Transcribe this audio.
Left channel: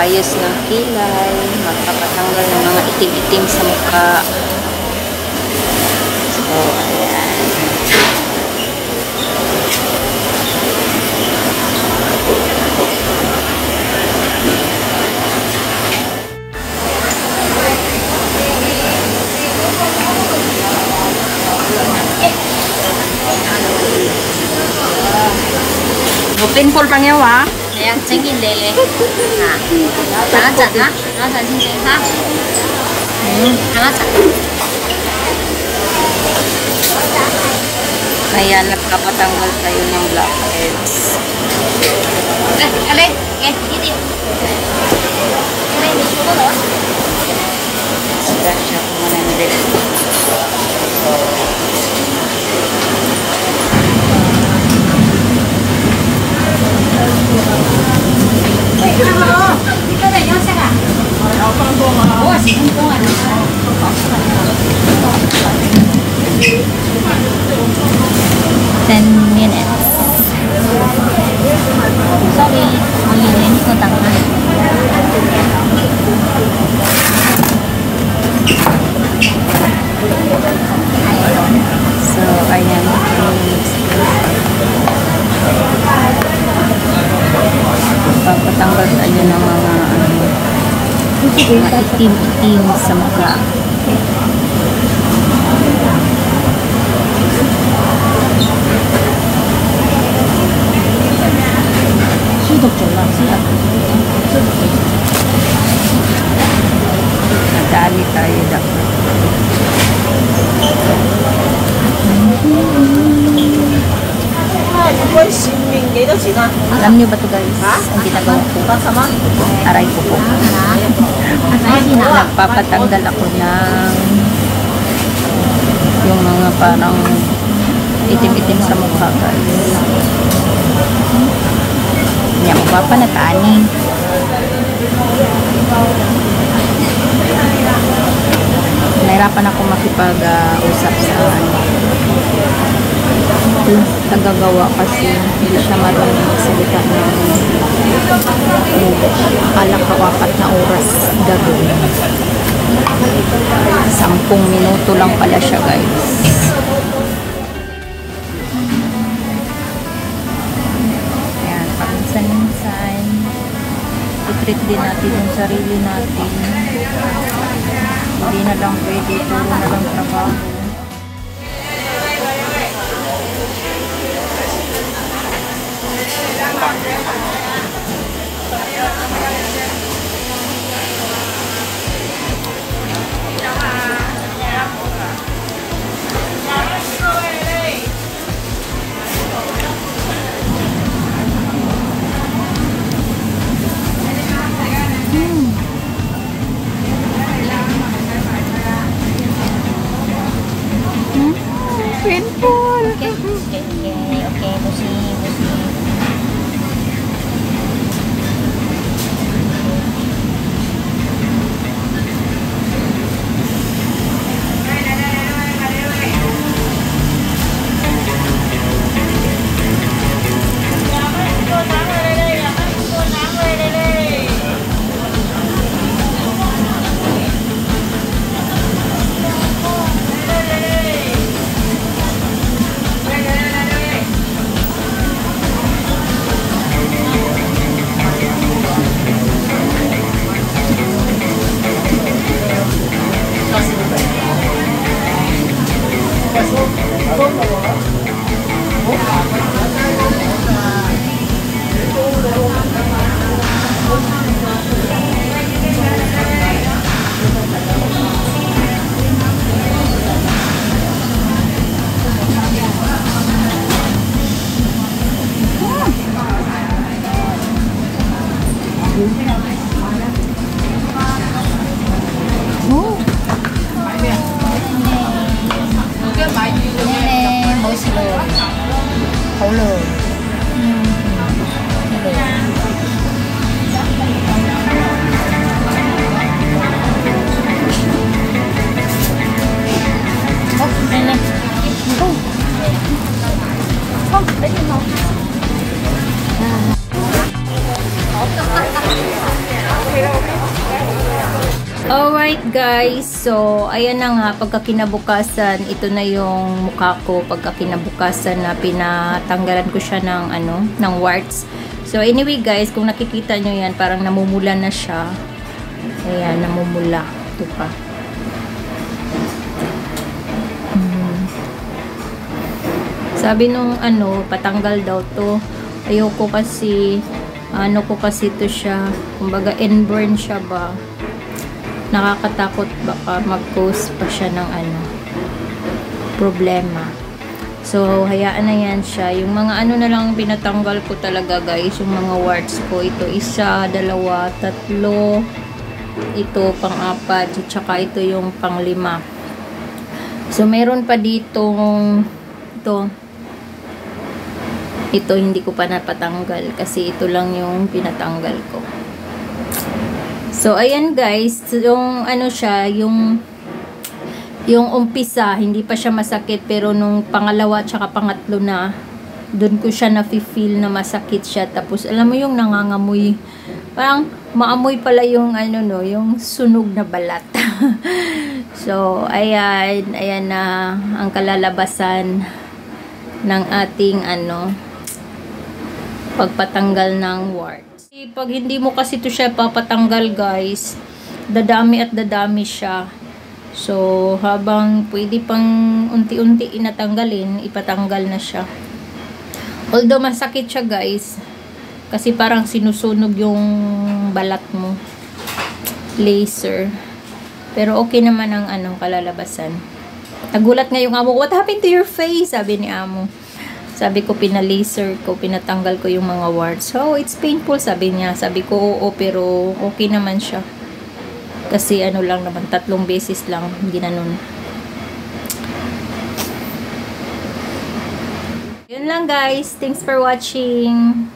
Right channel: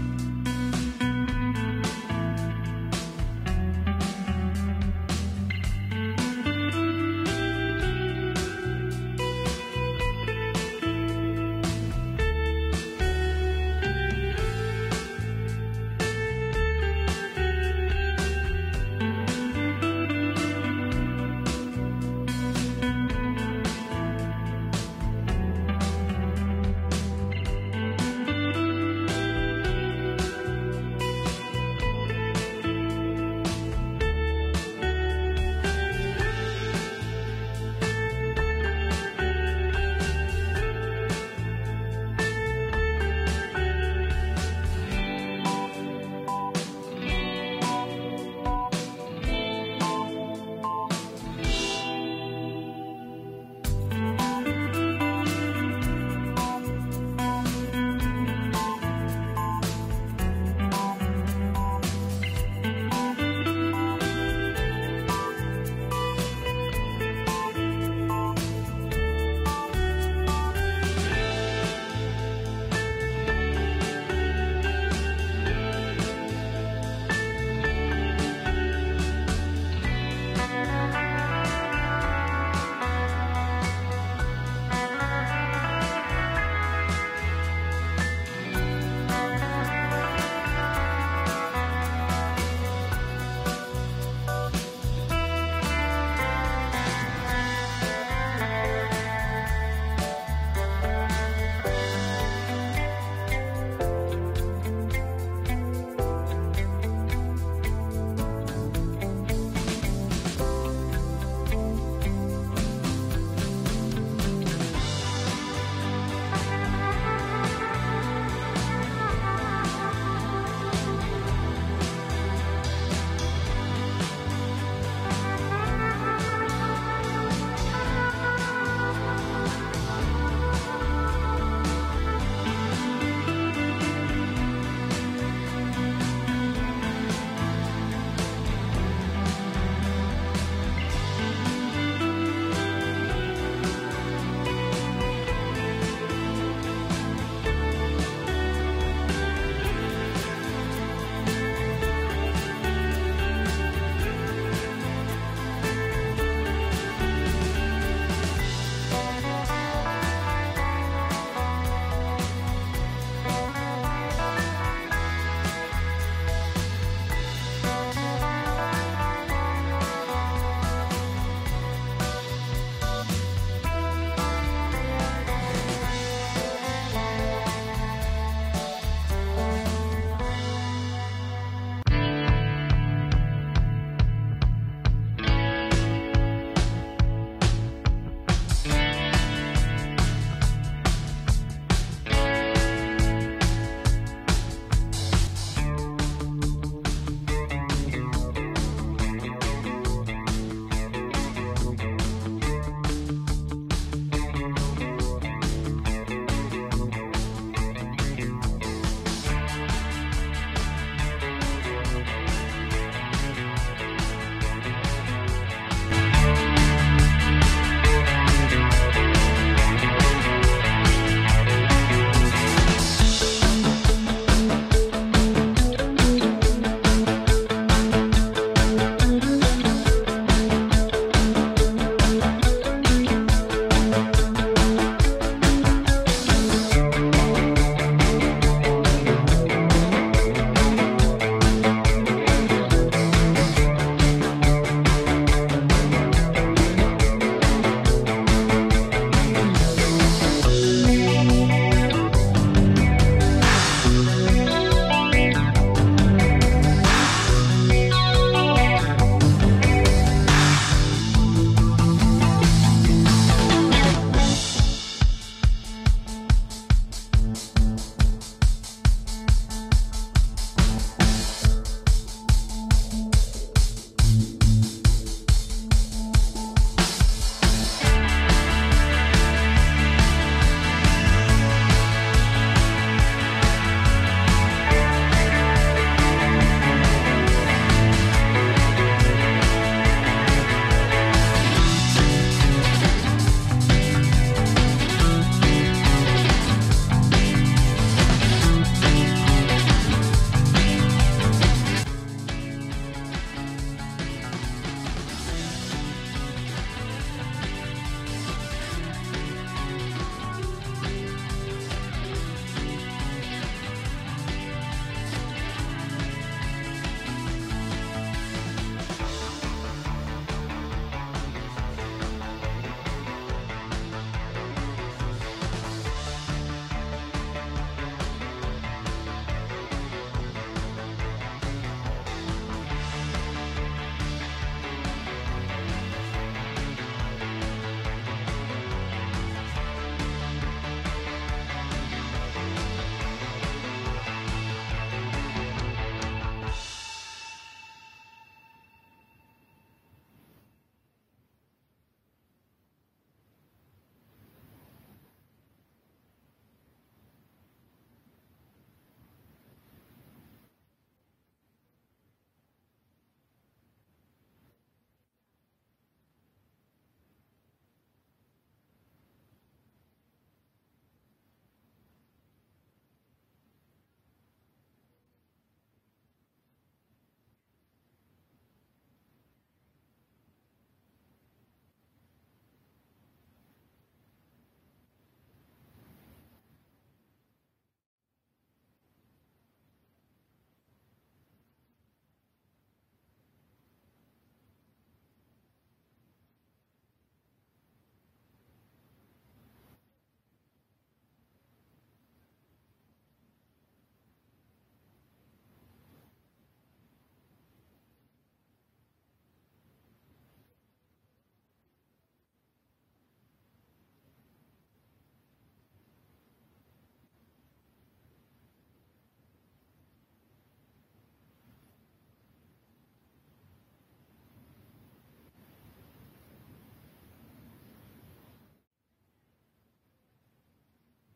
magpapaayos ng kilay, magpapatanggal ng mga itim-itim sa mukha. So, ayan. Pimple pang yawa. Ayan, 생긴데. 나갔잖아? 나갔잖아, 진짜. 나갔잖아. Ayan, nagpapatanggal tayo ng blackheads. Alay, hindi. Alay, hindi ko ba? Brush up muna nila. Dito na, yung saka. Oo, sige ko. 10 minutes. Sorry, malinis ko tangan. So, ayan. Papatanggal tayo ng mga itim-itim sa mukha. Nadali tayo dapat. Alam niyo ba ito guys? Ang ginagawa ko. Aray ko po. Nagpapatanggal ako ng yung mga parang itim-itim sa mukha guys. Hindi ako papanatani. Nahirapan ako makipag-usap sa tagagawa kasi hindi siya marunong magsalita ng English. Akala ko 4 na oras gagawin. 10 minuto lang pala siya guys. Ayan, paminsan-minsan i-treat din natin yung sarili natin. Hindi na lang pwede, puro na lang trabaho. Alright guys, so ayan na nga, pagka kinabukasan, ito na yung mukha ko. Pagka kinabukasan na pinatanggalan ko siya ng ng warts. So anyway guys, kung nakikita nyo yan, parang namumula na siya. Ayan, namumula. Ito pa. Sabi nung patanggal daw to. Ayoko kasi, ko kasi to siya. Kumbaga inborn siya ba. Nakakatakot baka mag-post pa siya ng problema. So, hayaan na yan siya. Yung mga na lang pinatanggal ko talaga guys, yung mga warts ko. Ito, 1, 2, 3. Ito, pang-4. Tsaka ito yung pang-5. So, meron pa ditong ito hindi ko pa napatanggal kasi ito lang yung pinatanggal ko. So, ayan guys, yung siya, yung umpisa, hindi pa siya masakit, pero nung pangalawa tsaka pangatlo na, dun ko siya na-feel na masakit siya. Tapos, alam mo yung nangangamoy, parang maamoy pala yung yung sunog na balat. So, ayan na ang kalalabasan ng ating pagpatanggal ng wart. Pag hindi mo kasi ito siya papatanggal guys, dadami at dadami siya. So, habang pwede pang unti-unti inatanggalin, ipatanggal na siya. Although masakit siya guys, kasi parang sinusunog yung balat mo. Laser. Pero okay naman ang kalalabasan. Nagulat nga yung amo ko, "What happened to your face?" Sabi ni amo. Sabi ko, pinalaser ko, pinatanggal ko yung mga warts. So, it's painful, sabi niya. Sabi ko, oo, pero okay naman siya. Kasi lang naman, 3 beses lang, ginanon. Yun lang guys. Thanks for watching.